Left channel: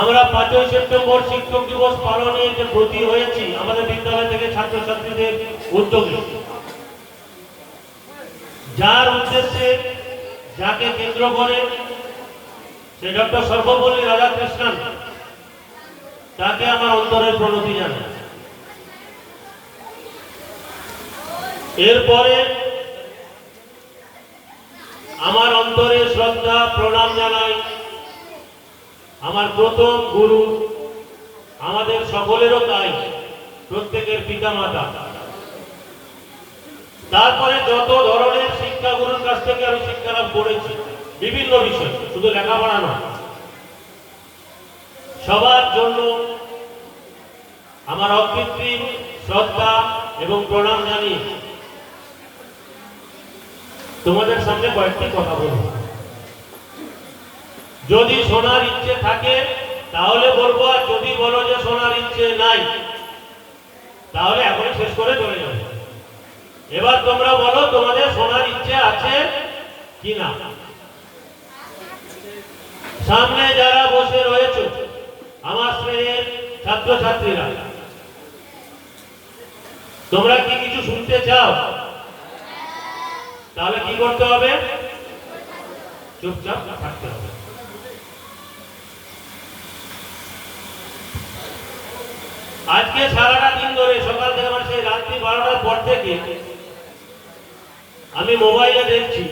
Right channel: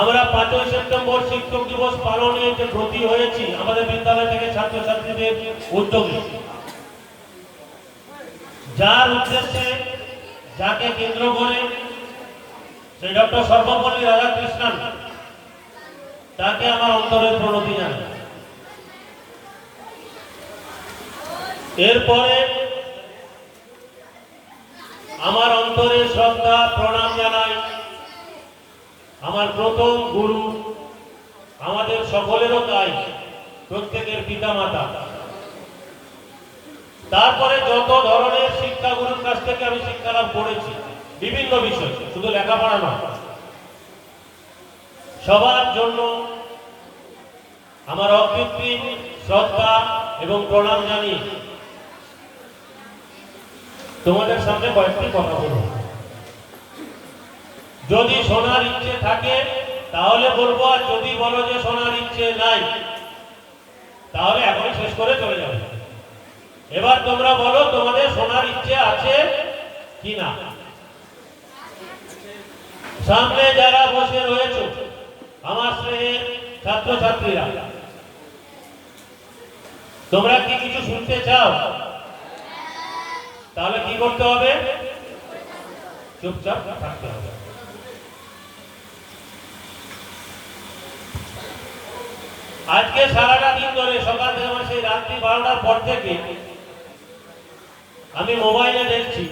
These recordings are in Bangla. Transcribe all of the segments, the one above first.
আমরা 5ই সেপ্টেম্বর শিক্ষক দিবস পালনে যে ব্রতী হয়েছি আমাদের বিদ্যালয় থেকে ছাত্রছাত্রীদের উদ্যোগে, যার উদ্দেশ্যে যাকে কেন্দ্র করে সে ডক্টর সর্বপল্লী রাধাকৃষ্ণন, তাকে আমার অন্তরের প্রণতি জানাই। এরপরে আমার অন্তরে শ্রদ্ধা প্রণাম জানাই আমার প্রথম গুরু, আমাদের সকলেরও তাই, প্রত্যেকের পিতামাতা। তারপরে যত ধরনের শিক্ষাগুরুর কাছ থেকে আমি শিক্ষা লাভ করেছি বিভিন্ন বিষয়, শুধু লেখাপড়া নয়, সবার জন্য আমার অকৃত্রিম শ্রদ্ধা এবং প্রণাম জানিয়ে তোমাদের সামনে কয়েকটি কথা বলব। যদি শোনার ইচ্ছে থাকে তাহলে বলবো, আর যদি বলো যে শোনার ইচ্ছে নাই তাহলে এখনই শেষ করে চলে যাবে। এবার তোমরা বলো তোমাদের শোনার ইচ্ছে আছে কি না। সামনে যারা বসে রয়েছে আমার শ্রেণীর ছাত্রছাত্রীরা, তোমরা কি কিছু শুনতে চাও? তাহলে কি করতে হবে? চুপচাপ থাকতে হবে। আজকে সারাটা দিন ধরে সকাল থেকে মানে সেই রাত্রি 12টার পর থেকে আমি মোবাইলে দেখছি,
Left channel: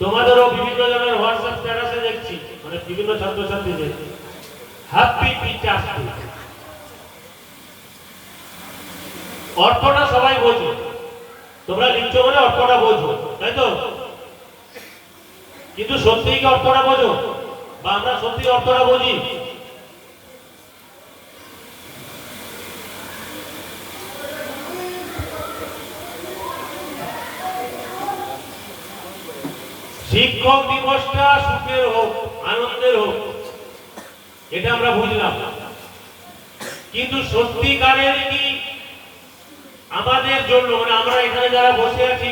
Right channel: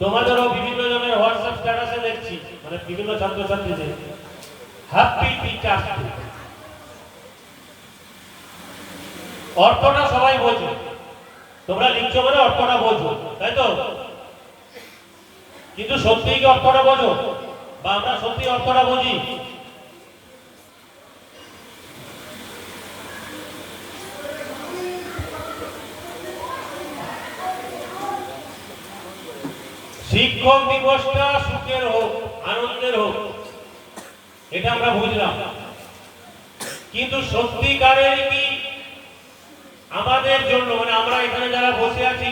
তোমাদেরও বিভিন্ন জনের হোয়াটসঅ্যাপ স্ট্যাটাসে দেখছি, মানে বিভিন্ন ছাত্রছাত্রীদের হ্যাপি টিচার্স ডে। অর্থটা সবাই বোঝো, তোমরা লিখছো বলে অর্থটা বোঝো, তাই তো? কিন্তু সত্যি কি অর্থটা বোঝো? বা আমরা সত্যি অর্থটা বুঝি? শিক্ষক দিবসটা সুখের হোক, আনন্দের হোক, এটা আমরা বুঝলাম, কিন্তু সত্যিকারের কি আমাদের জন্য, মানে আমরা এখানে যারা বসে আছি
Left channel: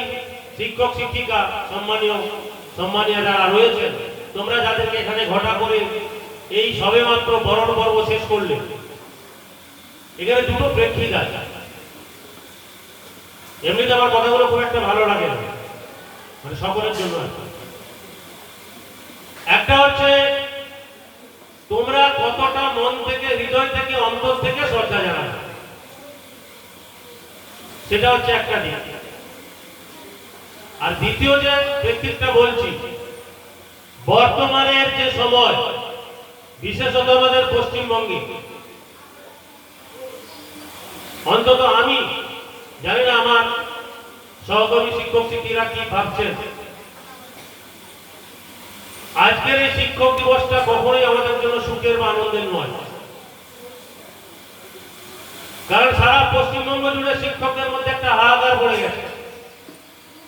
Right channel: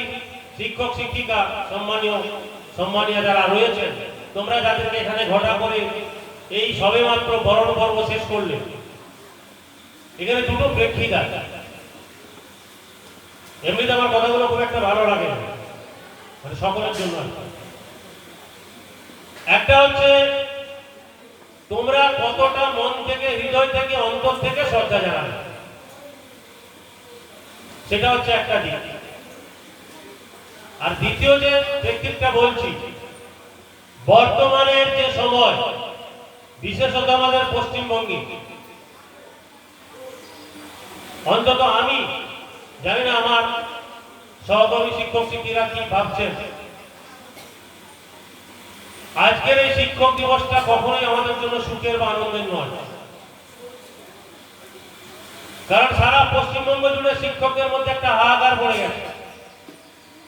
শিক্ষক শিক্ষিকা সম্মানীয় যারা রয়েছেন, তোমরা যাদেরকে এখানে ঘটা করে এই সবে মাত্র বরণ পর্ব শেষ করলে, এখানে দুটো প্রেক্ষিত আছে। এমনিতে আমার কথাগুলো খুব একটা ভালো লাগে না, মানে সকলের জন্য। একটা হচ্ছে তোমরা কতটা মন থেকে, হৃদয় থেকে, অন্তর থেকে শ্রদ্ধা জানাবে, সেটা হচ্ছে একটা দিক। আর দ্বিতীয় যে ব্যক্তিটা বলছি, বর্তমানের যে সময়, বিশেষত আমাদের পশ্চিমবঙ্গে, অন্তত আমি জানি না আমার সহকর্মী শিক্ষক শিক্ষিকা কি ভাবছেন, আজকের এই শিক্ষক দিবসটা কখনোই আমাদের জন্য সুখের বা আনন্দের নয়। কারণ সারা পশ্চিমবঙ্গ জুড়ে শিক্ষকদের মধ্যে একটা হাহাকার পড়ে গেছে,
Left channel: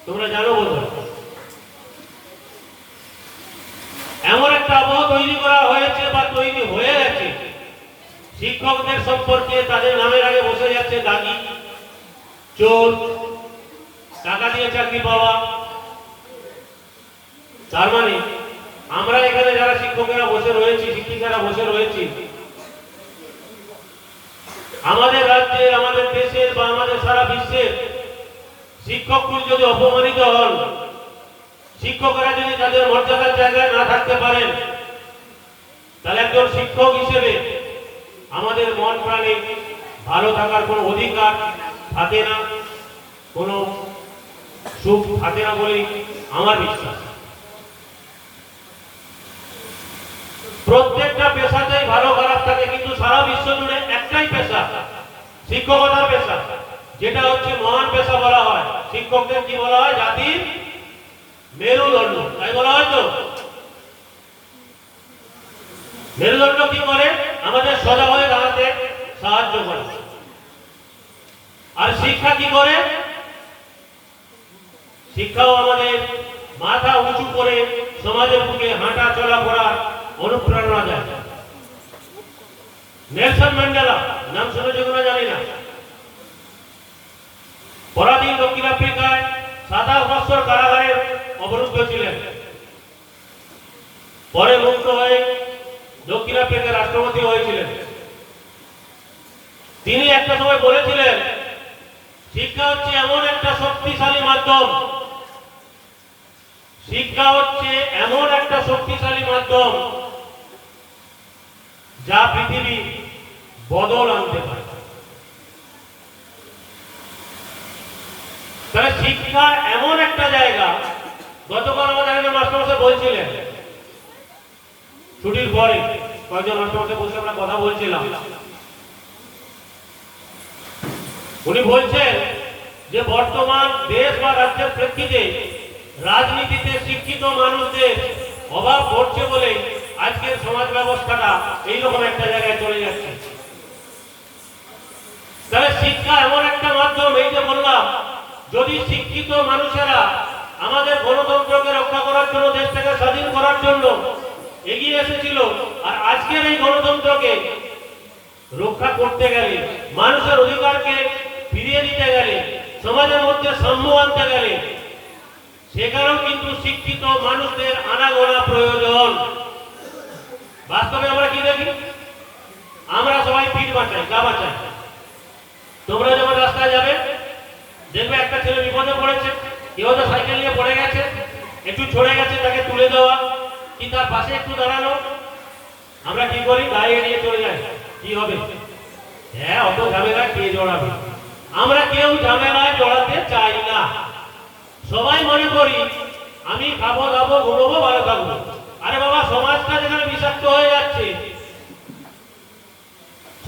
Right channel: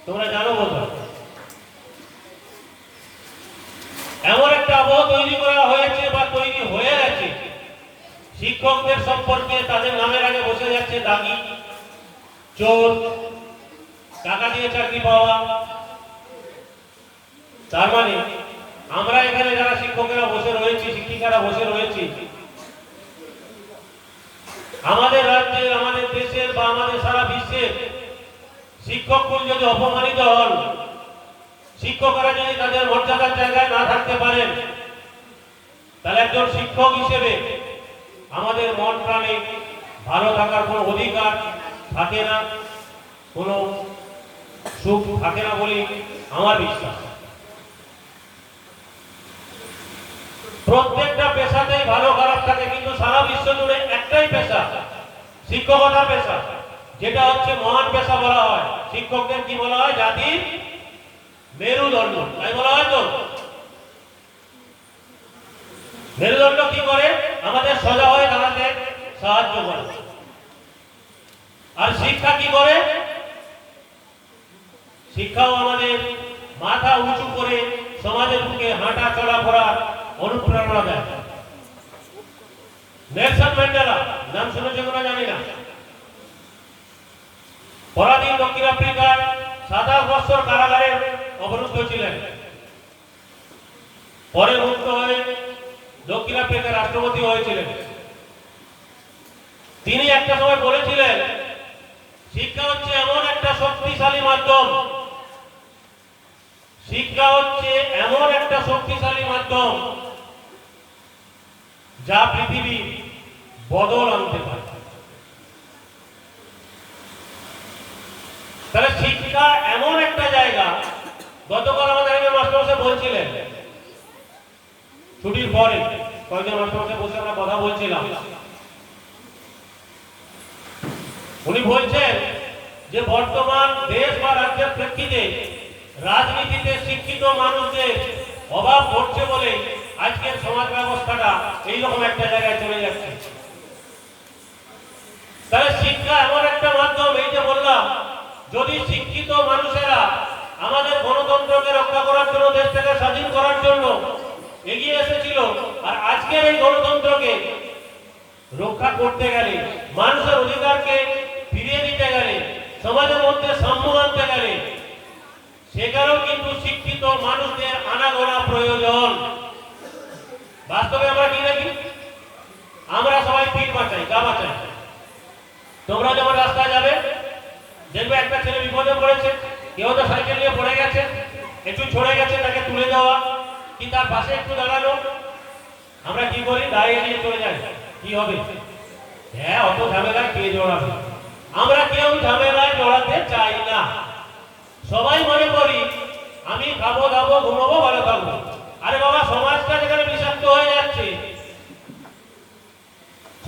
তোমরা জানো বোধহয়। এমন একটা আবহ তৈরি করা হয়েছে বা তৈরি হয়ে গেছে, শিক্ষকদের সম্পর্কে তাদের নামের আগে বসে যাচ্ছে দাগি, চোর, টাকা দিয়ে চাকরি পাওয়া। তার মানে আমরা এখানে যারা শিক্ষকেরা বসে রয়েছি, শিক্ষিকারা বসে রয়েছি, আমাদের রাজ্যে, আমাদের দেশের বা আমাদের সারা বিশ্বের শিক্ষকগণ যদি অপমানিত হন, শিক্ষকরা যদি তাদের মর্যাদার জায়গায় না থাকতে পারেন, তাহলে একজন শিক্ষক হিসেবে আমাদের মন প্রাণে ভালো থাকার কোনো অধিকার থাকে না, কোনো সুখ থাকে না বলে আমার বিশ্বাস। প্রত্যেকটা পেশাতেই ভালো খারাপ থাকে, কিন্তু সারা বিশ্ব জুড়ে একটাই পেশা, শিক্ষকতার পেশা, যেটা হচ্ছে মহান পেশা বলা হয়। শিক্ষকদের কি বলা হয়? জাতির মেরুদণ্ড, তাই বলা হয় তো। মেরুদণ্ড কি করে? আমাদের সোজা হয়ে দাঁড়াতে সাহায্য করে। আর শিক্ষা কি করে? শিক্ষাও আমাদের মাথা উঁচু করে সমাজের বুকে হাঁটা চলা করার অনুপ্রেরণা দেয়। নেলসন ম্যান্ডেলা নাম শুনেছে কিনা জানি না, পরাধীন দক্ষিণ আফ্রিকায় 27 বছর কারাগারে অবরুদ্ধ ছিলেন। পরে মুক্ত হয়ে দক্ষিণ আফ্রিকার রাষ্ট্রপতি হয়েছিলেন। তিনি একটা সময় বলেছিলেন, শিক্ষা হচ্ছে এমন একটা শক্তিশালী মাধ্যম, শিক্ষা হচ্ছে এমন একটা শক্তিশালী মাধ্যম যা পৃথিবী বদল আনতে পারে। তাহলে শিক্ষা এমন একটা জায়গা, গতকাল আমাদের মাস্টারমশাই বলছিলেন, ছুটির পরে কয়েকজন মাস্টারমশাই বসে আমরা কথা বলছিলাম, উনি বলছেন যে বর্তমান দেশ বা রাজ্যের প্রেক্ষিতে রাজনীতিতে শিক্ষিত মানুষদের অভাব ঘটছে বলে আজকের সমাজ ব্যবস্থাটা এইরকম একটা জায়গায় চলে যাচ্ছে। তাহলে শিক্ষা এমন একটা মাধ্যম, এই যে বললাম, যদি শিক্ষিত মানুষেরা আমাদের গণতন্ত্রকে রক্ষা করার জন্য, দেশটাকে স্বাধীন করার জন্য এগিয়ে এসেছিল, আর আজকের এই গণতন্ত্রকে রক্ষা করতে গেলে, মানুষের অধিকারকে ফিরিয়ে দিতে গেলে, সমাজের মধ্যে সাম্য আনতে গেলে, সেখানেও কিন্তু শিক্ষিত মানুষদের আনাগোনা প্রয়োজন। বাস্তবে আমরা কি দেখি? আমরা সবাই পিঠ বাঁচাই, গা বাঁচাই। তোমরা যখন রাস্তায় যাবে, দেখবে একটা ছেলে বিপদে পড়েছে, কেউ তো সাইকেল নিয়ে পড়ে গেছে, একটু ছড়ে গেছে, তাকে তুলে দেওয়া কি তার পাশে একটু দাঁড়ানো, আমরা কি করি? গাড়ি নিয়ে চলে যাই। কি হবে? হ্যাঁ, অত ঝামেলায় কে জড়াবে? আমরা কেউ ঝামেলায় জড়াতে চাই না। সবাই মনে করি আমি খাবো দাবো ঘুমাবো ভালো থাকবো। আরে বাবা, সমাজটা যেখানে বিষাক্ত হয়ে যাচ্ছে,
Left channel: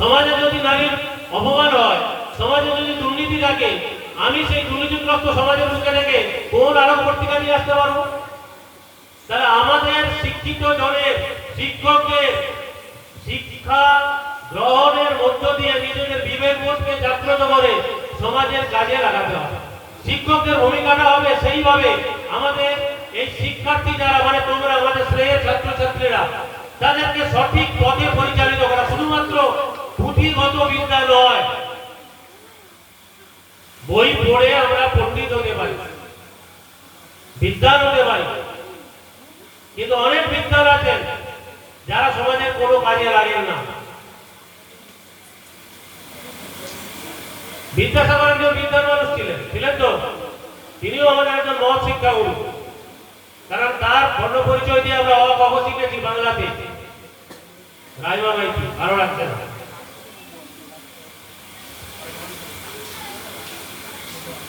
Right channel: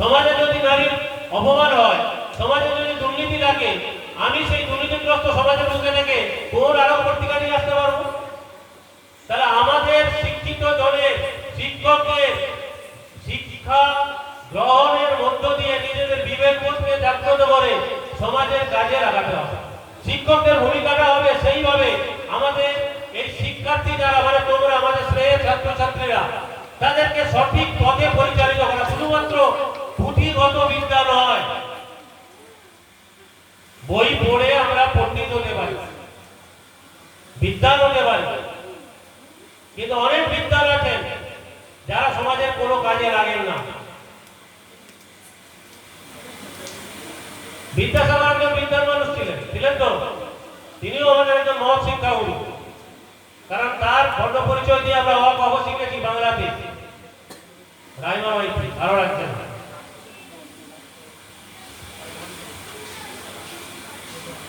সমাজে যদি নারীর অপমান হয়, সমাজে যদি দুর্নীতি থাকে, আমি সেই দুর্নীতিগ্রস্ত সমাজের মুখে থেকে কোন আরো পত্রিকা নিয়ে আসতে পারবো? তাহলে আমাদের শিক্ষিত জনের, শিক্ষকদের শিক্ষা গ্রহণের মধ্য দিয়ে নিজেদের বিবেকবোধকে জাগ্রত করে সমাজের কাজে লাগাতে হবে। শিক্ষকদের ভূমিকাটা হবে সেইভাবে আমাদের এই শিক্ষার্থী যারা, মানে তোমরা আমাদের শ্রেয়ের ছাত্রছাত্রীরা, তাদেরকে সঠিক পথে পরিচালিত করা। শুধুমাত্র পুঁথিগত বিদ্যা নয়, বই পড়ে আমরা পণ্ডিত হতে পারি, বিদ্যান হতে পারি, কিন্তু অনেক বিদ্যান আছেন যারা সমাজের কোনো কাজে লাগেন না। বিদ্যাসাগর একজন বিদ্যান মানুষ ছিলেন তো, তিনিও আমাদের একজন মহৎ শিক্ষাগুরু। কারণ তার বর্ণ পরিচয় দিয়ে আমরা অ শিখেছি বাংলাতে, রাইমা মাইতি, ভালো লাগছে না।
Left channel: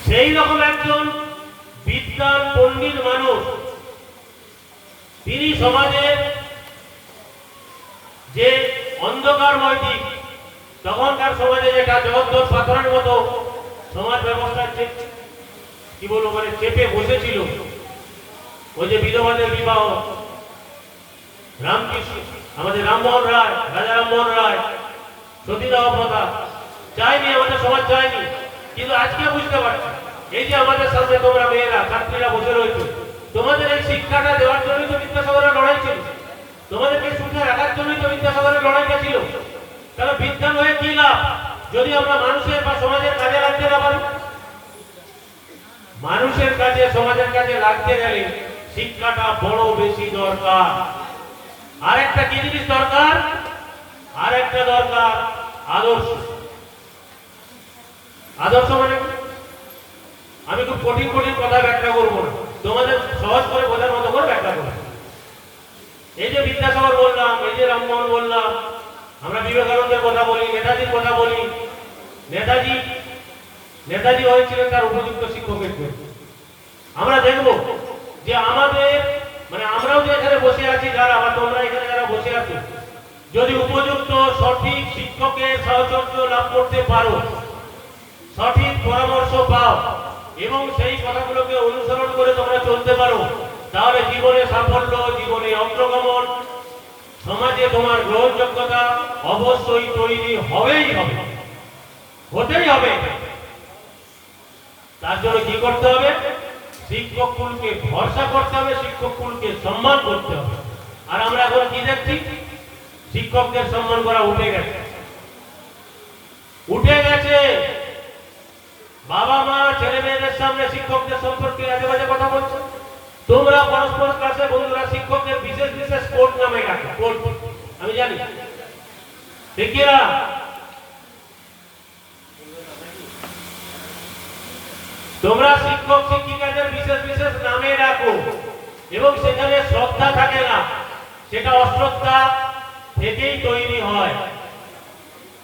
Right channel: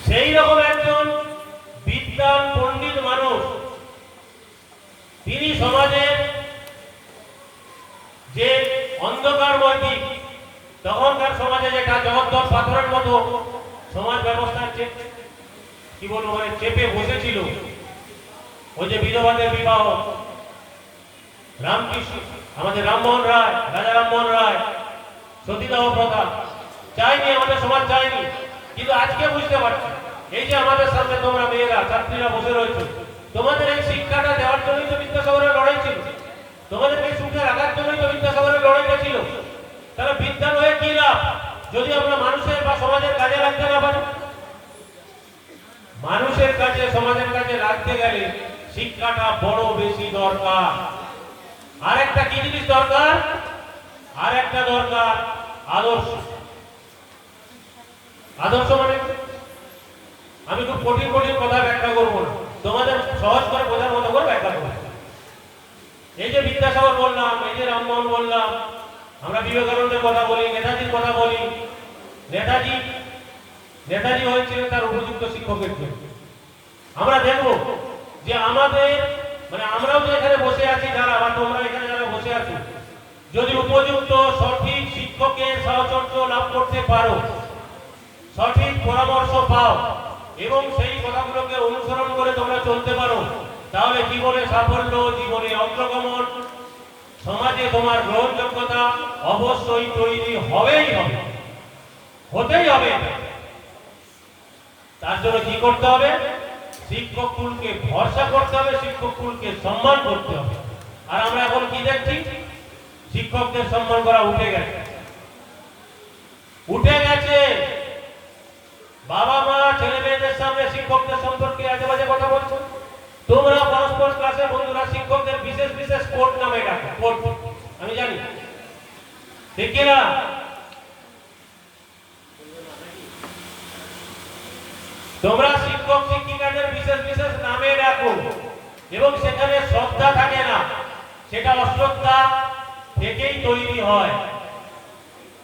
সেই রকম একজন বিদ্যান পণ্ডিত মানুষ, তিনি সমাজের যে অন্ধকারময় দিক, তখনকার সমাজে যেটা জগদ্দল পাথরের মতো সমাজ ব্যবস্থার কি বলবো, মানে চেপে বসেছিল, ওই যে বিধবাদের বিবাহ, রামকৃষ্ণ, আমাদের রামমোহন রায়, রাজা রামমোহন রায়, সতীদাহ প্রথা চাইনি, আমাদের সমাজ চাইনি। কিন্তু আজকে বুঝতে পারছি, এই যে আমাদের সামনে তোমরা মেয়েরা, ছাত্রীরা বসে রয়েছে, তোমাদের এই শিক্ষাটা দেওয়ার জন্যই তো বিদ্যাসাগরের লড়াই ছিল, তোমাদেরকে সুখে রাখার জন্যই তো বিদ্যাসাগরের লড়াইটা ছিল। তাহলে বিজ্ঞান হয়ে কি লাভ যদি আমরা মানুষের বা সমাজের কাজে লাগতে না পারি? মানুষের কাছে, সমাজের কাছে লাগতে গেলে শিক্ষাটা বড় বেশি দরকার। আর একটা কি জিনিস দরকার? আর একটা দরকার আদর্শ। আদর্শ মানে আমি খুব কঠিন কঠিন কথা ব্যাখ্যা করবো না, তোমাদের সহজ করে বোঝার মতো করে ব্যাখ্যা করবো। এই যে বিদ্যাসাগর বললাম, এই যে রামমোহন বললাম, আমরা বিবেকানন্দের কথা বলি, নেতাজির কথা বলি। নেতাজি হয়েছিলেন তার উপযুক্ত শিক্ষকের জন্য। আমরা দেখব যে আমাদের, মানে আমরাও যে এখানে বসে আছি যারা, বা তোমরা এখানে যারা বসে আছো, যদি উপযুক্ত সঠিক শিক্ষকের সাহচর্য লাভ করতে পারো, সঠিক পরামর্শ পাও এবং সেই কথাগুলোকে অনুসরণ করে তোমরা চলতে পারো, তাহলে জীবনে সাফল্য, জীবনে অগ্রগমন, সমাজে তোমার গ্রহণযোগ্যতা অবশ্যই তৈরি হবেই হবে, হতেই হবে। তার জন্য কি করতে হবে? শিক্ষক কুলকে ভরসা করতে হবে, শিক্ষক কুলকে সম্মান করতে হবে। আর আমরা এখন কি দেখছি? শিক্ষকদের সম্মান করা উঠে গেছে, উঠে গেছে। বাবা মা ছেলে মেয়েদের সামনে শিক্ষকদের সম্পর্কে আজে বাজে কথা বলছে। তোমরা পরস্পর ক্লাসে বন্ধুরা শিক্ষকদের বিশেষ বিশেষ কোড নামে ডাকো, কোড। আমি জানি, ঠিক কিনা? তোমরা শিক্ষক শিক্ষিকাদের বিশেষ বিশেষ নামে ডাকো এবং সেখানে শ্রদ্ধা থাকে না, সেটা অশ্রদ্ধা থেকেই তৈরি হয়।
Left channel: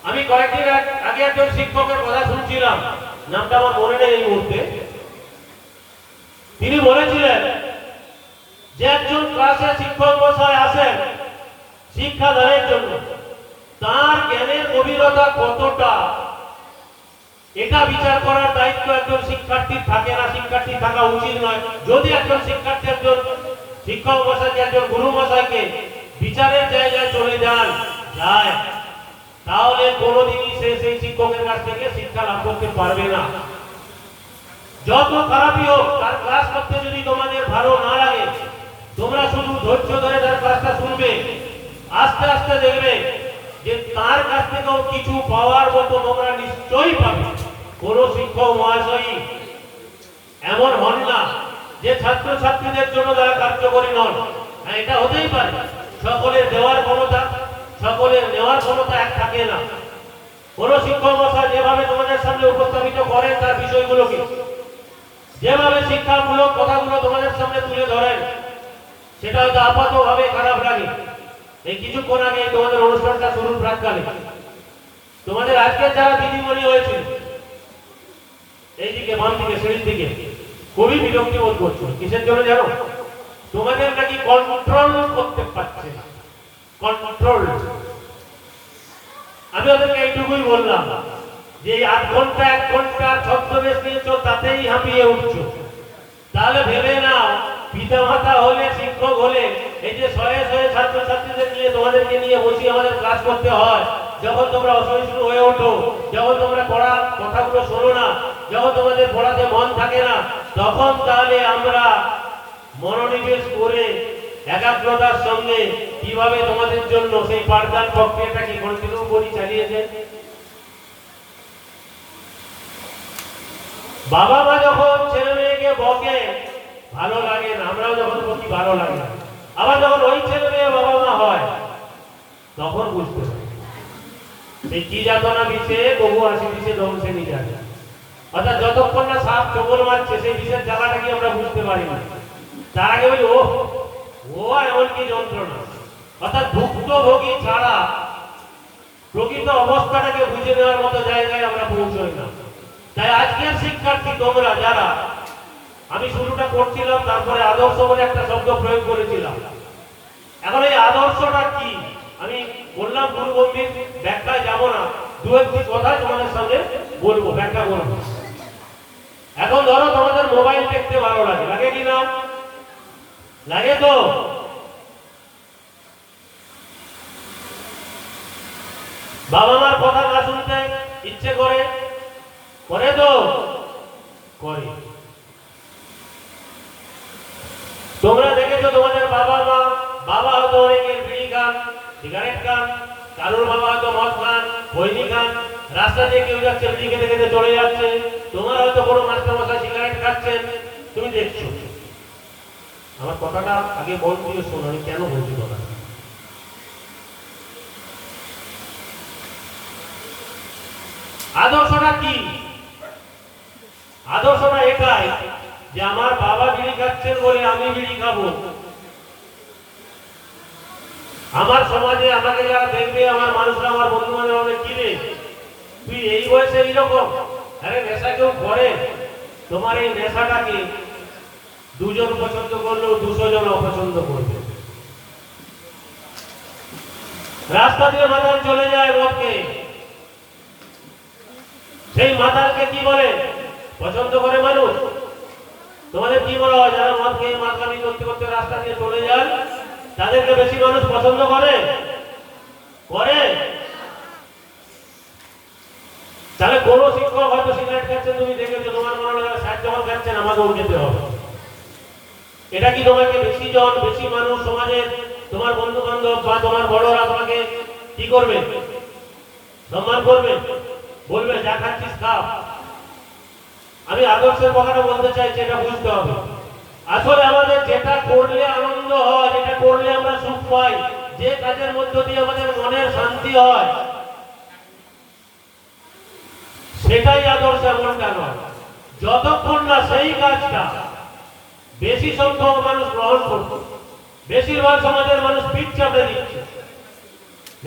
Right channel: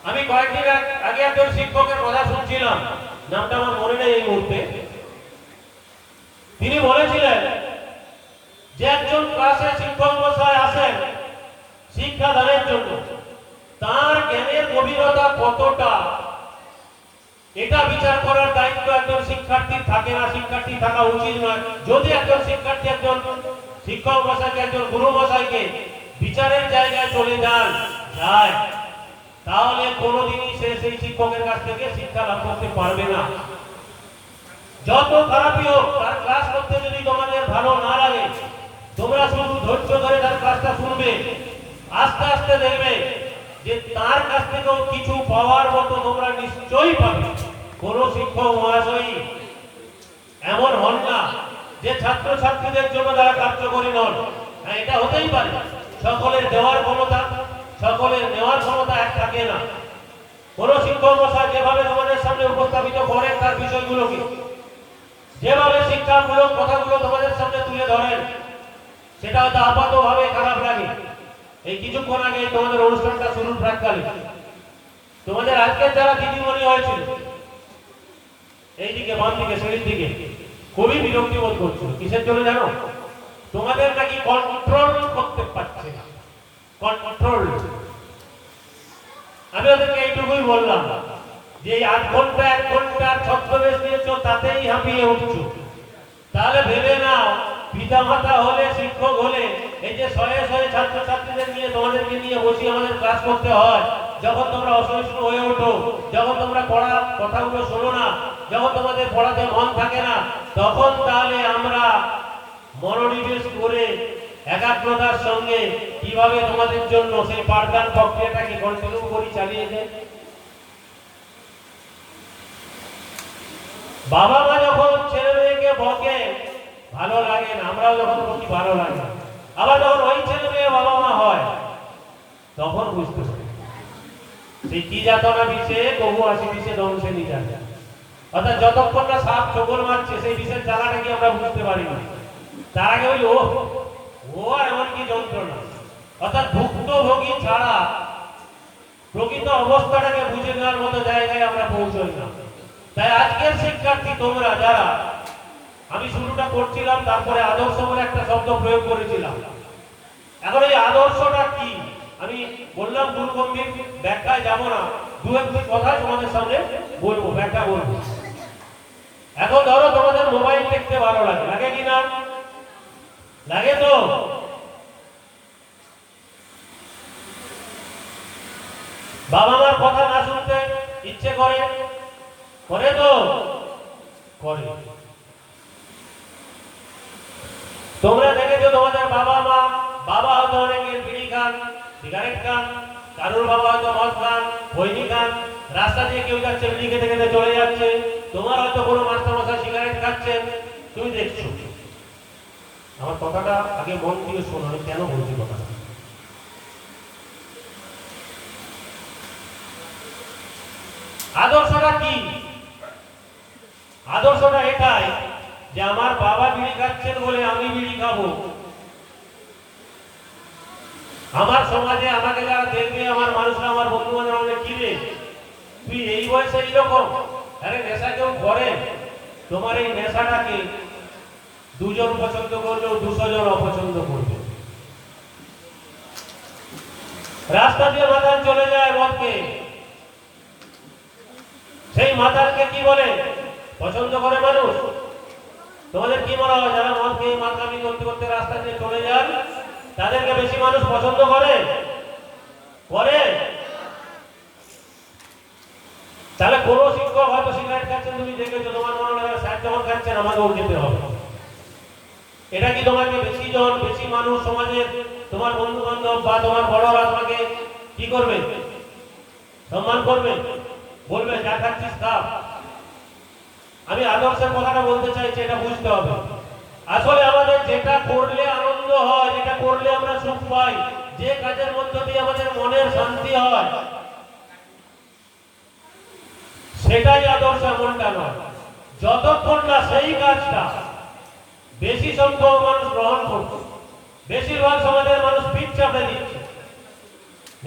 আমি কয়েকদিন আগে একজন শিক্ষকের কথা শুনছিলাম, নামটা আমার মনে নেই এই মুহূর্তে। তিনি বলেছিলেন যে একজন ক্লাসে শিক্ষক মশাই আসেন শিক্ষাদানের জন্য, তার জ্ঞানের গভীরতা কতটা এটা বিচার করার দায়িত্ব একজন শিক্ষার্থীর থাকে না, শিক্ষার্থী থাকা উচিত নয়। যদি একজন শিক্ষার্থী একজন শিক্ষক মশাইকে, একজন গুরু মশাইকে বিচারের জায়গায় চলে যায়, তাহলে কোনোদিনই সে সেই শিক্ষকের কাছ থেকে শিক্ষা লাভ করতে পারবে না। যত খারাপই হোক, তার ক্লাস করতে যদি তোমাদের ভালো না লাগে, তোমরা শুধু ধৈর্য ধরে তার ক্লাসটা শুনবে, আস্তে আস্তে দেখবে যে তার কাছ থেকেও কিছু পাওয়ার মতো তোমরা নিশ্চয়ই পাবে। কোন শিক্ষক মহাশয় এমন হন না যে ছাত্র ছাত্রীদের জন্য তারা কার্যকরী নন। এটা হতেই পারে, সকলের দেওয়ার ক্ষমতা, সকলের নেওয়ার ক্ষমতা এক থাকে না। কোন শিক্ষক মশাই যেভাবে তোমাদের সামনে উপস্থাপিত করেন তার বিষয়গুলোকে, যেভাবে শিক্ষামূলক কথাগুলো তোমাদের সামনে তুলে ধরেন, সেটা হয়তো আপাতভাবে খারাপ লাগে। এই কিছুক্ষণ আগে তোমাদের অনুষ্ঠানটা শুরুর প্রাককালে তোমাদের আজকের যারা দিদিমণি হয়েছিল, এইদিকে বাম দিকে সিঁড়ির দিকে, খুবই বিরক্তি বোধ করছিল। কিসের জন্য জানো? তোমাদের নাকি কন্ট্রোল করতে পারছে না, কন্ট্রোল। আমি ওদেরকে এইটুকুই বললাম যে 8 ঘন্টা 1 ঘন্টার ছদ্মবেশ নিয়েছ, তাতেই হাঁপিয়ে উঠছো। তাহলে ভেবে নাও, পিতা মাতা হলে, শিক্ষক হলে, এই যে শয়ে শয়ে ছাত্রছাত্রীদের নিয়ে তোমাদেরকে নিয়ে বসিয়ে আমাদের ক্লাস করতে হয়, যখন তোমরা অসহিষ্ণু হয়ে ওঠো, যখন তোমরা পড়া কথাগুলো শোনো না, যখন তোমাদের পড়াতে মন থাকে না, তখন তাহলে আমরা মনোনিবেশ করে একাগ্রতার সঙ্গে কিভাবে তোমাদের জন্য সেই পাঠদান প্রক্রিয়াটাকে কন্টিনিউ করি, চালিয়ে যায়। বাবা মা যখন ছেলে মেয়েকে বকে ভালো লাগে না, আমরাও যখন বকি ভালো লাগে না। আবার যখন ওই ছেলে মেয়ে বাবা মা হয়, তখন বুঝতে পারি সেই কি যাতনা দিচ্ছে, বহু আসি দিচ্ছে, ধ্বংসে নিয়ে যায়। অর্থাৎ যতক্ষণ না সাপ ঠোকর মারছে, সেই বিষের জ্বালাটা কি আমরা বুঝতে পারি না। তার আগে ওই ও এমন কি যন্ত্রণা। অর্থাৎ ভুক্তভোগী ছাড়া প্রকৃত অবস্থাটাকে বুঝে নেওয়ার মতো জায়গায় আমরা পৌঁছই না। তাই আজকের শিক্ষার্থী তোমরা যারা, আমি শুরুটা করছিলাম, তারপরে আদর্শ বলে একটা শব্দ প্রয়োগ করেছিলাম। এখন এই আদর্শটা কি আমি বললাম, গুরুগম্ভীর ব্যাখ্যায় যাব না, দু একটি কথা তোমাদের সামনে বলবো, ব্যাখ্যা বলবো। এখন ধরো তোমাদের মোবাইল দেখতে ভালো লাগে, লাগে কি না? লাগে তো? বাবা মার কথা না শুনতে ইচ্ছে করে, করে তো? করে। তোমরা দেখেছো তোমাদের বাবা মা, বাবা হয়তো অনেকের বিড়ি খান, সিগারেট খান, কারোর বাবা হয়তো মদ খান, বৈনি খান, রাস্তা দিয়ে কেউ যাচ্ছে বিড়ি খেতে খেতে চলে যাচ্ছে, তোমার হয়তো কোনো মাস্টার মশাই সিগারেট খাচ্ছেন, তুমি দেখছো। আমার কথাটা আগে মন দিয়ে শোনো, আমি কেন বলছি কথাটা। আদর্শটা কি? আদর্শটা এটাই যে আমার বাবা বিড়ি খাচ্ছেন বলে আমি বিড়ি খাবো। আমার সমাজে আমাকে যারা দেখবে, আমার মানুষরা, আমার বন্ধু বান্ধব আমাকে কিনে, তুই এই বয়সে এইরকম, আরে নেশা কেউ করে? তোমার এই নেশাটাকে 2 জন পছন্দ করলেও 200 জন অপছন্দ করবে। রাস্তা দিয়ে মাতাল চলে যায় মদকে, সেই মাতালকে কি বলে? পছন্দ করে মানুষ? তোমাদের কি মনে হয়, যারা মদ খেয়ে মাতালি করতে করতে রাস্তা দিয়ে চলে যান, তাদেরকে বেশি মানুষ পছন্দ করে? করে? তাহলে কোন শিক্ষক হয়তো সিগারেট খাচ্ছেন, তুমি দেখেছো, তোমার মনে হয় স্যার যখন খাচ্ছেন আমাকেও খেতে হবে। এটা কি তোমাকে বেশি জন, বেশি মানুষ সমাজের, তোমার বন্ধু বান্ধব বা তোমার বড়রা তোমাকে কি করবে? সম্মান করবে, বলবে যা খাচ্ছিস খা। আমি আদর্শের কথাটা বলতে চাইছি, এটা বুঝতে হবে। আসলে আমাদের যেটা করলে আনন্দ হয়, যেটা করলে আমরা সুখ পাই, যে কাজের মধ্য দিয়ে আমাদের মনের শান্তি হয় সেটাই আদর্শ, এমনটা নয়। যতক্ষণ না সেই কাজটা বেশি সংখ্যক মানুষ গ্রহণ করছে, বেশিরভাগ সমাজের মানুষ পিঠ চাপড়ে দিচ্ছে।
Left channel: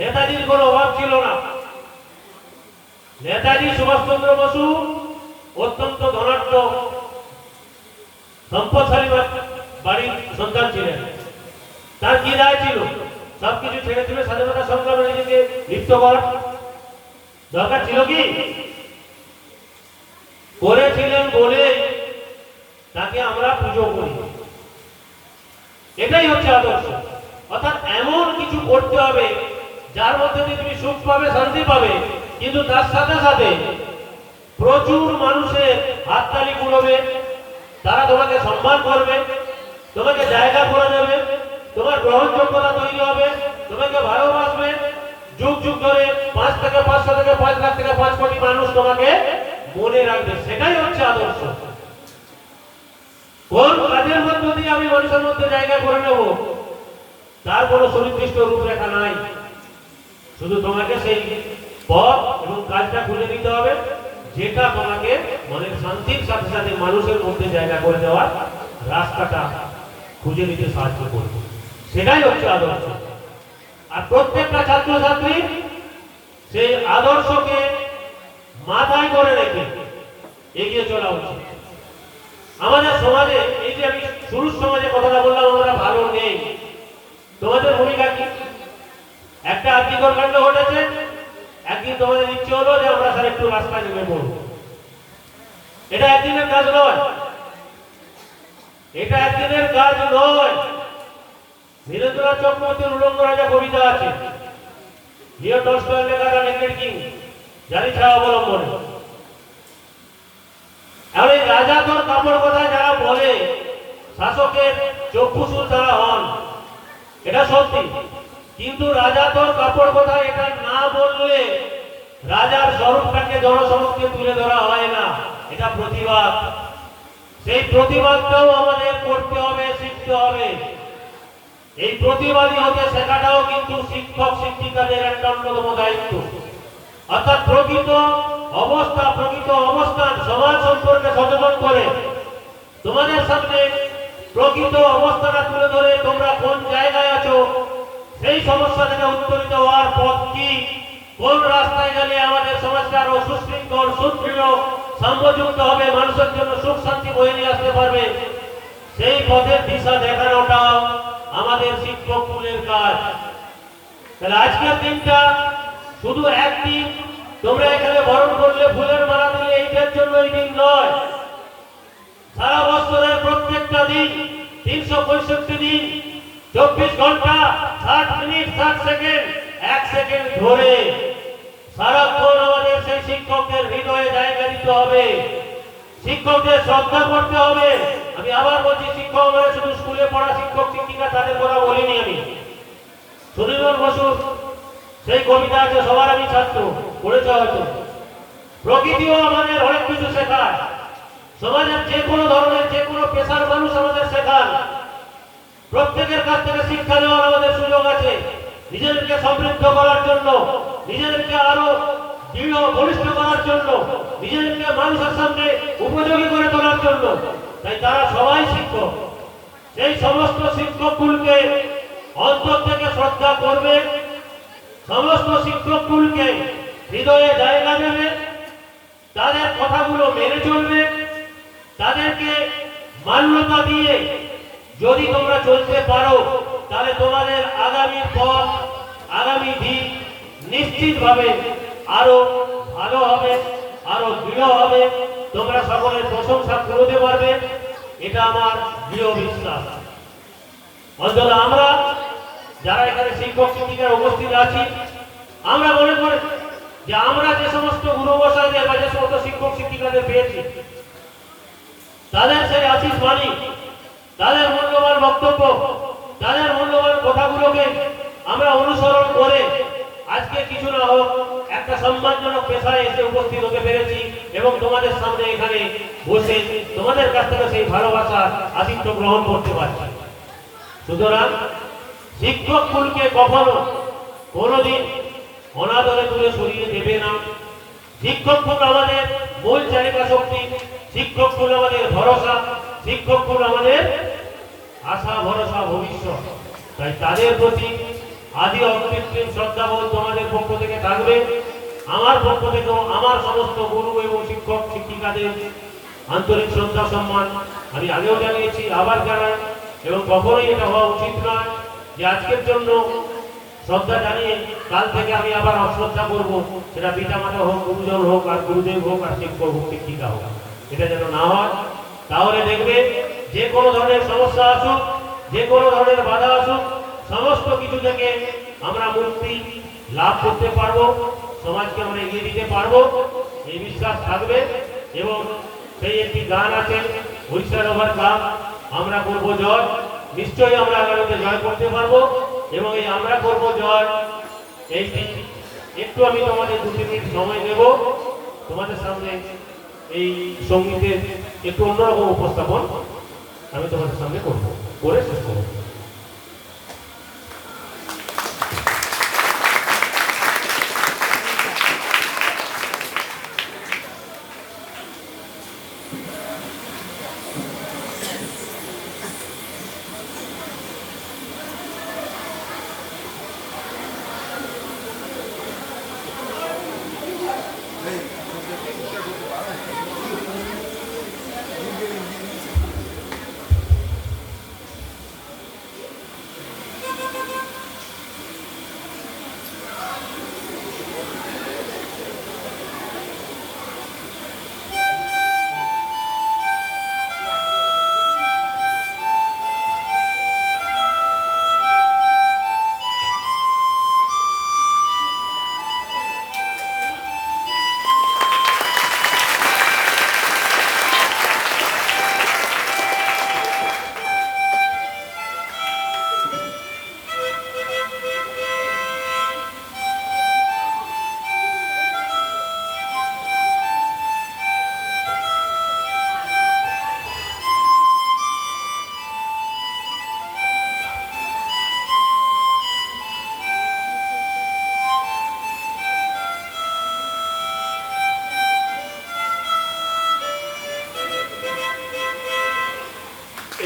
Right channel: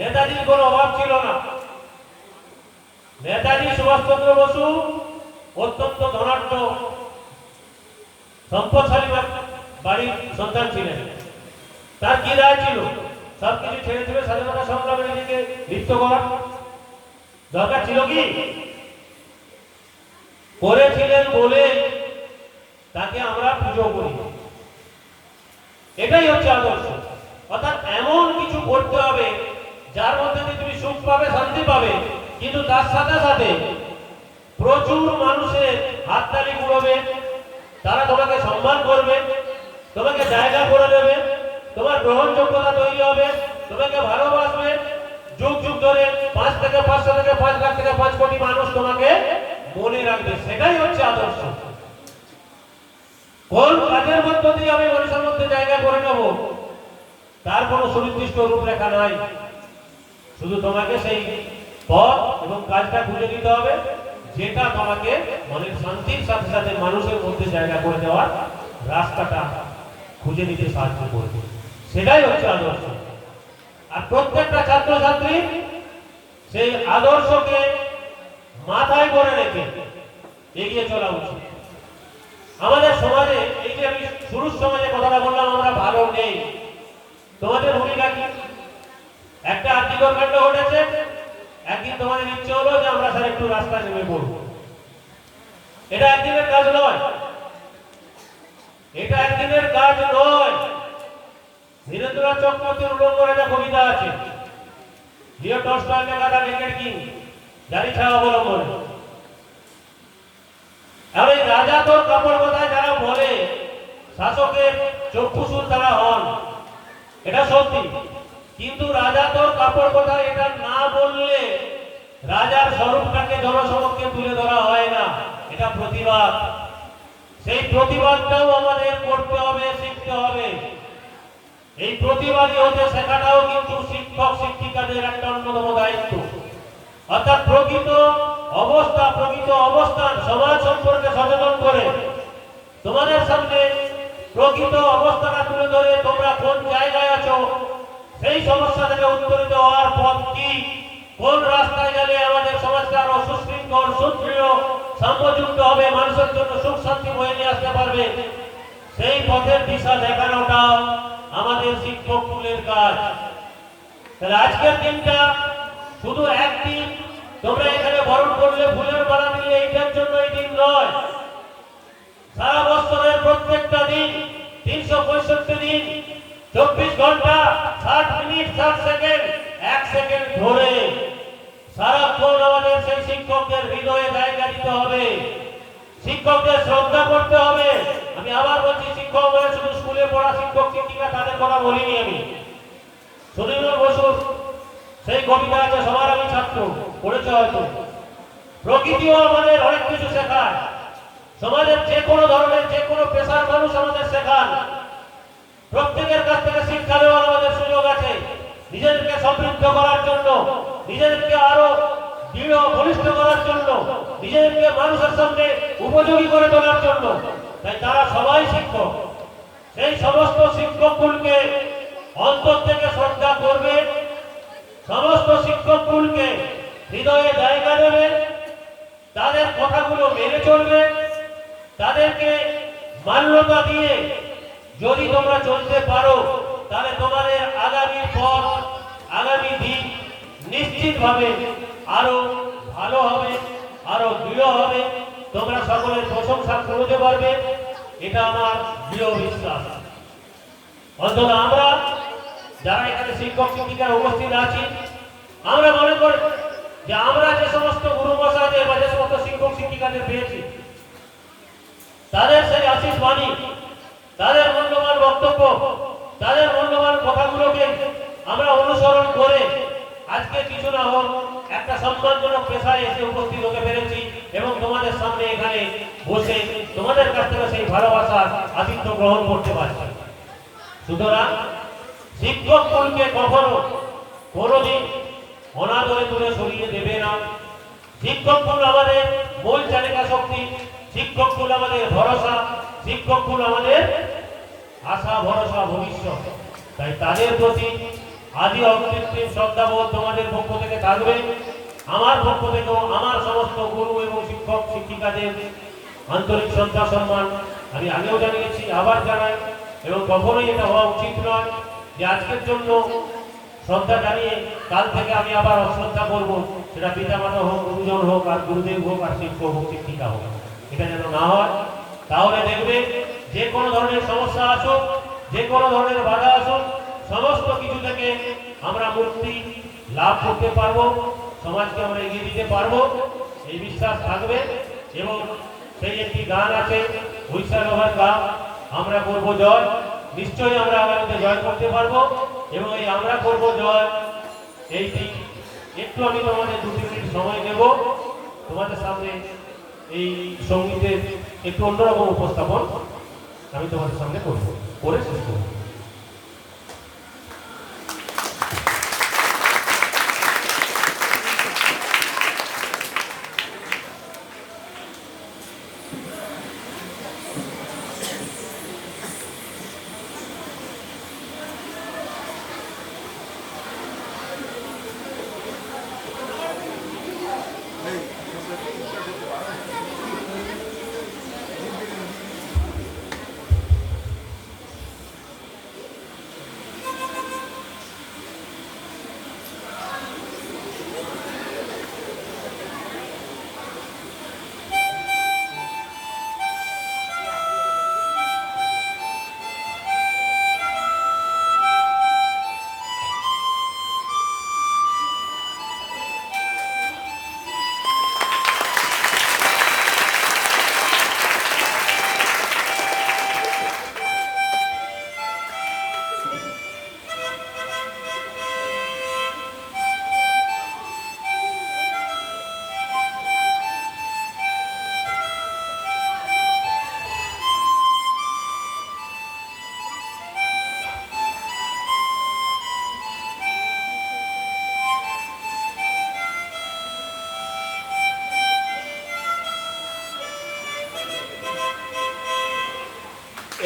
নেতাজির কোনো অভাব ছিল না। নেতাজি সুভাষচন্দ্র বসু অত্যন্ত ধনাঢ্য সম্পদশালী বাড়ির সন্তান ছিলেন। তার কি রায় ছিল? সবকিছু ছেড়ে ছেড়ে স্বাধীনতা সংগ্রামে নিজেকে লিপ্ত করা দরকার ছিল কি? করেছিলেন বলে তাকে আমরা পুজো করি। এটাই হচ্ছে আদর্শ। অর্থাৎ এমন কিছু করতে হবে যার মধ্যে দিয়ে তুমি সুখ পাবে, শান্তি পাবে, কিন্তু তার সাথে সাথে প্রচুর মানুষের হাততালি কুড়াবে, তারা তোমাকে সম্মান করবে, তোমাকে জায়গা করে দেবে, তোমার গ্রহণযোগ্যতা তৈরি হবে, তোমাকে ভালোবাসবে। যুগ যুগ ধরে 5 থেকে 500 থেকে 5 লাখ থেকে 5 কোটি মানুষ তোমাকে মনে রাখবে। সেটাই হচ্ছে আদর্শ। কোন কাজের মধ্য দিয়ে আমি মানুষের মধ্যে জায়গা করে নেব তার কোনো সুনির্দিষ্ট রূপরেখা নাই। শুধু তোমাকে সেই পথ এবং কাজটা খুঁজে নিতে হবে যেটা তোমাকে মনের শান্তির সাথে সাথে মানুষের মধ্যে জায়গা করে দেওয়ার রাস্তাটা খুঁজে নিতে সাহায্য করবে। সেটাই হচ্ছে আদর্শ। আর প্রত্যেকটা ছাত্রছাত্রী সেই আদর্শকে মাথায় করে রেখে এগিয়ে চলা উচিত। আমাদের সমাজে এই যে আমি শুরুর সমাজে কথাটা বললাম, আমরা ভালো নেই, তোমাদের ভূমিকা কি? একটা আর্থিকর কাণ্ড ঘটেছে, একদিন তোমাদের ইচ্ছে হলো যে আমরা স্যার একটু রাস্তায় নেমে পড়বো। এটা একদিনের কাজ নয়, এটা একদিনের কাজ নয়। ধীরেন্দ্রনাথ চক্রবর্তীর উলঙ্গ রাজা কবিতা আছে, লিও টলস্টয়ের লেখা দ্য নেকেড কিং, যারই ছায়া অবলম্বনে। আর এই রাজা তোর কাপড় কথায় যারা বলে শাসকের চক্ষুসুর তারা হন, এটা সত্যি। কিন্তু রাজা তোর কাপড় কথায় এটা না বললে রাজার স্বরূপটাকে জনসমক্ষে তুলে ধরা হয় না। এটা প্রতিবাদ। সেই প্রতিবাদটাও আমাদের করতে হবে, শিখতে হবে। এই প্রতিবাদী হতে শেখাটাও কিন্তু শিক্ষক শিক্ষিকাদের একটা অন্যতম দায়িত্ব। অর্থাৎ প্রকৃত অবস্থান সমাজ সম্পর্কে সচেতন করে তোমাদের সামনে প্রকৃত অবস্থাটা তুলে ধরে তোমরা কোন জায়গায় আছো, সেই সমস্যা থেকে উত্তরিত হওয়ার পথ কি, কোন রাস্তায় গেলে আমাদের সমাজটা আরো সুশৃঙ্খল, সুদৃঢ়, সাম্যযুক্ত হবে, মানুষের জন্য সুখ শান্তি বয়ে নিয়ে আসতে পারবে, সেই পথের দিশা দেখানোটা আমাদের শিক্ষক কুলের কাজ। তাহলে আজকের দিনটা শুধু একদিন তোমরা এখানে বরণ করলে, ফুলের মালা দিলে, এইটার জন্য এই দিন নয়। সারা বছরের প্রত্যেকটা দিন, 365 দিন, 24 ঘন্টা, 60 মিনিট, 60 সেকেন্ড, 1 সেকেন্ড ধরে সারাক্ষণ আমাদের সেই শিক্ষকদের হৃদয়ে জায়গা দিতে হবে, শিক্ষকদের শ্রদ্ধা করতে হবে। আমি আবার বলছি, শিক্ষক মানে শুধু স্কুলে পড়া শিক্ষক শিক্ষিকা তাদের কথা বলিনি আমি। সুনীল বসুর সেই কবিতা আছে, সবার আমি ছাত্র, পড়েছ হয়তো। প্রকৃতিও আমাদের অনেক কিছু শেখায়। সমাজের যে কোনো ধরনের, যে কোনো পেশার মানুষ আমাদের শেখান। প্রত্যেকের কাছ থেকে শিক্ষা দেওয়ার আমাদের সুযোগ আছে, নিজেদেরকে সমৃদ্ধ করার জন্য, নিজেদেরকে আরো দৃঢ় বলিষ্ঠ করার জন্য, নিজেদেরকে মানুষের সামনে উপযোগী করে তোলার জন্য। তাই তারা সবাই শিক্ষক। সেই সমস্ত শিক্ষকগুলোকে অন্তর থেকে শ্রদ্ধা করবে, সমস্ত শিক্ষকগুলোকে হৃদয়ে জায়গা দেবে, তাদের কথাগুলো মেনে চলবে, তাদেরকে মান্যতা দিয়ে যদি তোমরা চলতে পারো, তাহলে তোমাদের আগামী পথ, আগামী দিন নিশ্চিতভাবে আরো ভালো হবে, আরো দৃঢ় হবে। তোমরা সকলের প্রশংসা করতে পারবে, এটা আমার দৃঢ় বিশ্বাস। অন্তত আমরা যারা এখানে শিক্ষক শিক্ষিকার উপস্থিত আছি, আমরা মনে করি যে আমরা যে সমস্ত গুরু মশাইদের বা যে সমস্ত শিক্ষক শিক্ষিকাদের পেয়েছি, তাদের সেই আশীষ বাণী, তাদের মূল্যবান বক্তব্য, তাদের মূল্যবান কথাগুলোকে আমরা অনুসরণ করে আজকে কিছু না হোক একটা সম্মানজনক পেশায় এসে উপস্থিত হতে পেরেছি এবং তোমাদের সামনে এখানে বসে তোমাদের কাছ থেকে সেই ভালোবাসা আতিথ্য গ্রহণ করতে পারছি। সুতরাং শিক্ষক কুলকে কখনো কোনোদিন অনাদরে দূরে সরিয়ে দেবে না। শিক্ষক কুল আমাদের মূল চালিকা শক্তি, শিক্ষক কুল আমাদের ভরসা, শিক্ষক কুল আমাদের আশা ভরসা ভবিষ্যৎ। তাই তাদের প্রতি আদি অকৃত্রিম শ্রদ্ধাবোধ তোমাদের পক্ষ থেকে থাকবে। আমার পক্ষ থেকেও আমার সমস্ত গুরু এবং শিক্ষক শিক্ষিকাদের আন্তরিক শ্রদ্ধা সম্মান আমি আগেও জানিয়েছি, আবার জানাই। এবং কখনোই এটা হওয়া উচিত নয় যে আজকের জন্য শ্রদ্ধা জানিয়ে কাল থেকে আমি আবার অশ্রদ্ধা করবো, সেটা পিতামাতা হোক, গুরুজন হোক, আর গুরুদেব হোক, আর শিক্ষক হোক, শিক্ষিকা হোক, এটা যেন না হয়। তাহলে দেখবে যে কোনো ধরনের সমস্যা আসুক, যে কোনো ধরনের বাধা আসুক, সমস্ত কিছু থেকে আমরা মুক্তি লাভ করতে পারবো, সমাজকে আমরা এগিয়ে দিতে পারবো, এই বিশ্বাস থাকবে। এবং সেই একটি গান আছে, উড়িষ্যার গান, আমরা করবো জয়। নিশ্চয়ই আমরা আগামীতে জয় করতে পারবো। এবং এই আমরা করবো জয় এইটি একটু আমি তোমাদের 2-3 মিনিট সময় দেব, তোমাদের সামনে এই সঙ্গীতের একটু অন্যরকম উপস্থাপন আমি তোমাদের সামনে করবো, করে শেষ করবো।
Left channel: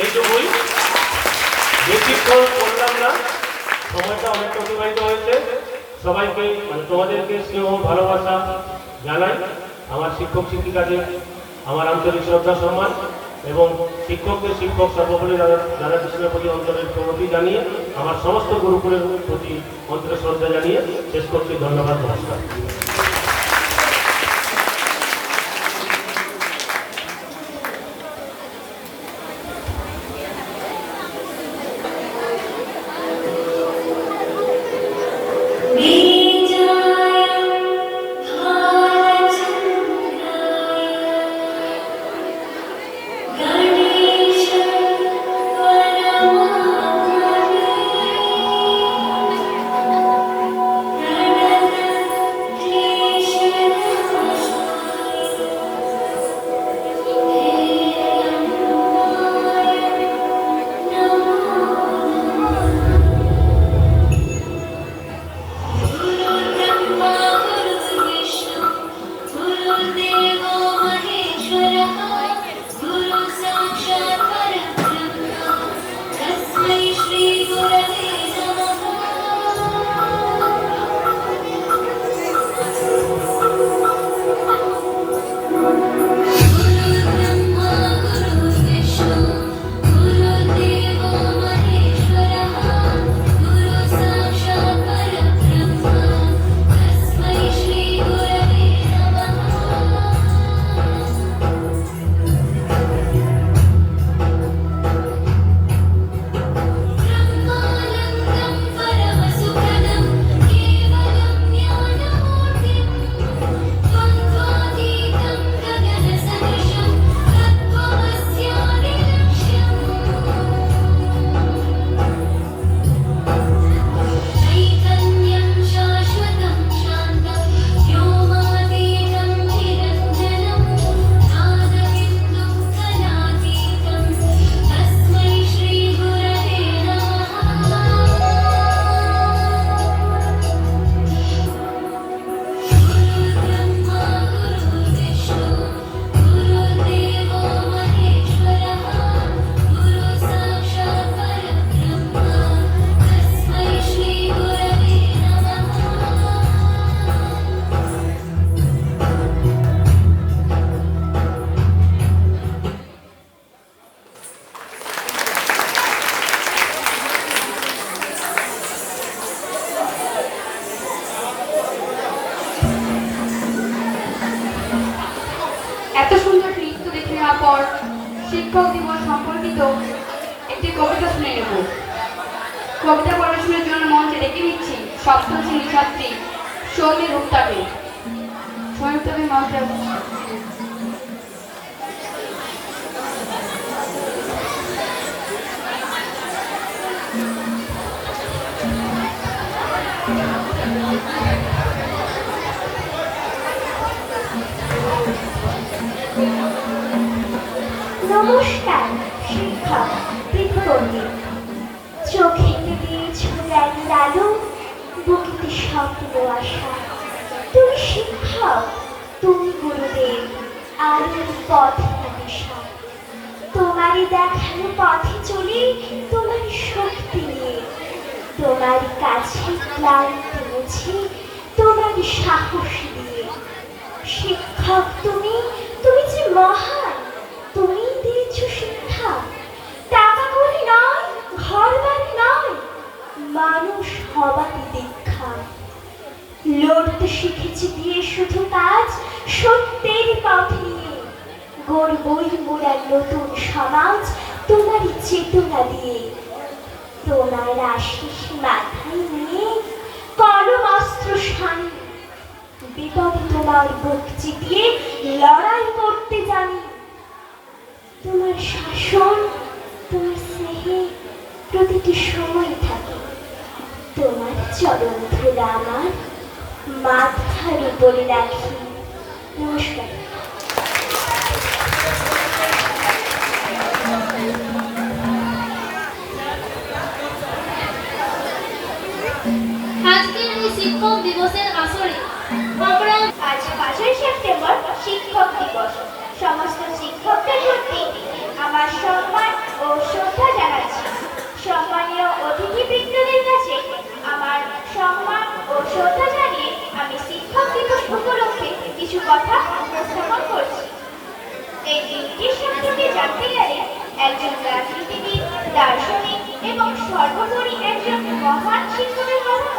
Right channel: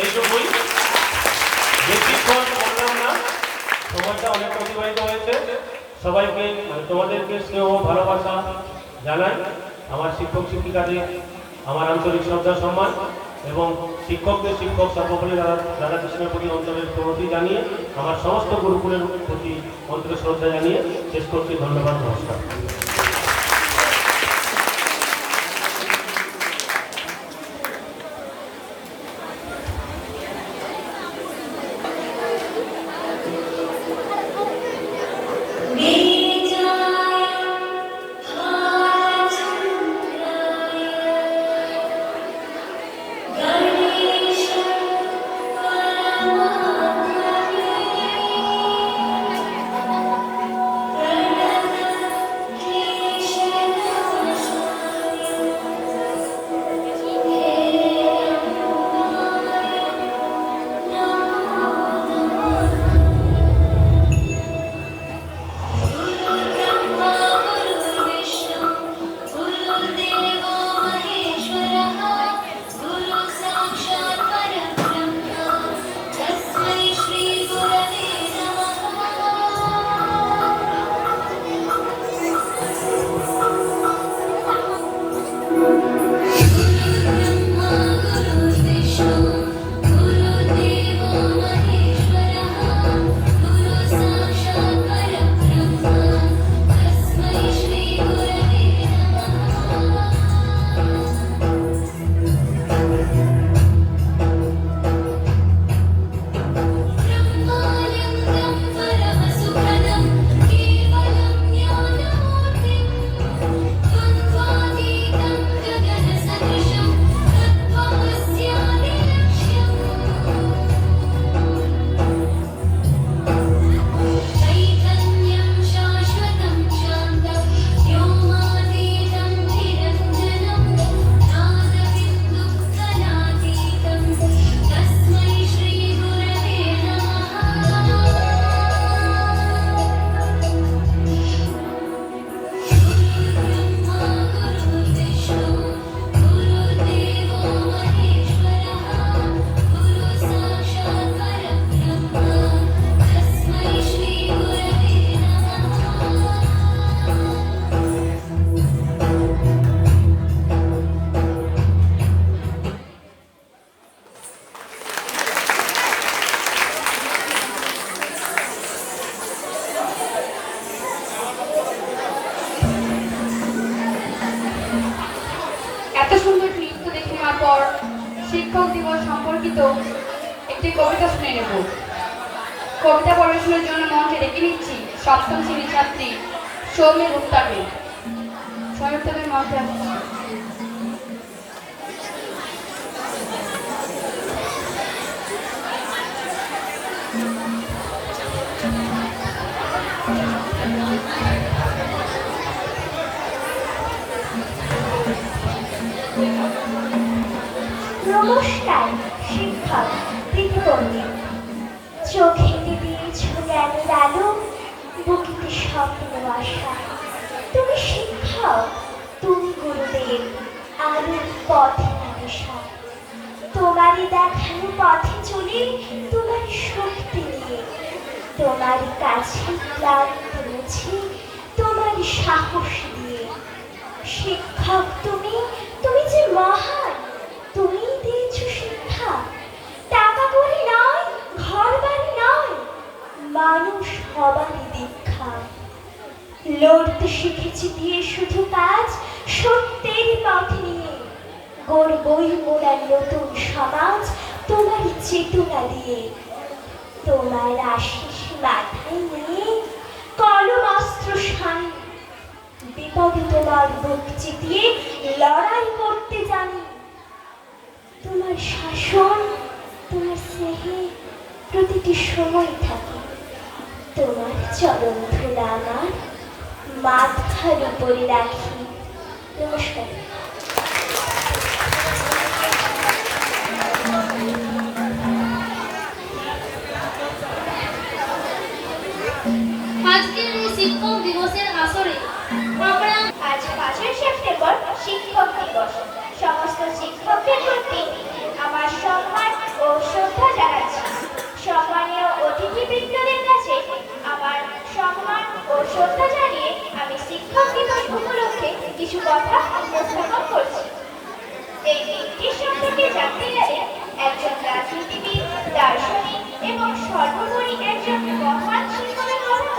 এইটুকুই, বেশিক্ষণ করলাম না, সময়টা অনেক অতিবাহিত হয়েছে। সবাইকে তোমাদেরকে স্নেহ ভালোবাসা জানাই, আমার শিক্ষক শিক্ষিকাদের আমার আন্তরিক শ্রদ্ধা সম্মান, এবং শিক্ষকদের শিক্ষক সর্বোপরি রাধাকৃষ্ণের প্রতি অন্তরের প্রণতি জানিয়ে আমার সমস্ত গুরুকুলের প্রতি অন্তরের শ্রদ্ধা জানিয়ে শেষ করছি। ধন্যবাদ, নমস্কার। Thank you. তো একটি কবিতা শুনে নেব। কবিতা পড়াশোনার জন্য মঞ্চে ডেকে নিচ্ছি সপ্তম শ্রেণীর ছাত্রী সৌমির উত্তাপে। সৌমির উত্তাপে মঞ্চে আসছে। নমস্কার শিক্ষক দীপবন্ধী, চোখে দিয়েছ জ্ঞানের আলো, বুকেতে স্বপ্ন আশা। তুমি শিক্ষক, তুমি গুরুদেব, আলোর পথে দিশা। তোমারই দেখানো পথে চলে, তোমার শক্তি নিয়ে, তোমার কাছে ক্লান্তি মুছে, তোমার সাহস দিয়ে। শিক্ষক তুমি, তুমি যে মহান, তুমি দিয়েছ শিক্ষা। টাকা কড়ি নয়, ঘর বাড়ি নয়, মানুষ হবারই দীক্ষা। লড়তে শিখেছি দিয়ে শুধু কাজ, সত্যের পথ নিয়ে। গড়বই মোড়ার নতুন সমাজ, তোমার চেতনা দিয়ে। তোমার আশিস মাথায় নিয়ে, কলম অস্ত্র সানি, বিপদে তোমার বুক চিতিয়ে লড়াই করতে জানি। তোমার শাসন, তোমার স্নেহে প্রতিটি সময় থাকে। তোমার চরণ ধুলা আমার মাথার উপরে রাখি। নমস্কার। আজকের এই শিক্ষক দিবসের আসরে আমরা আজ 5ই সেপ্টেম্বর শিক্ষক দিবস। সমস্ত শিক্ষকদের প্রতি আমার সম্মান ও শ্রদ্ধা জানাচ্ছি। সম্মানীয় অতিথিবৃন্দদের কাছে আমার সম্মান ও শ্রদ্ধা জানিয়ে আমি শিক্ষক দিবস উপলক্ষে কিছু কথা উপস্থাপন করছি। এই দিনটির সম্পর্কে জানতে গেলে একজন রাজনীতিবিদ, দার্শনিক এবং সর্বোপরি একজন মহান শিক্ষকের কথা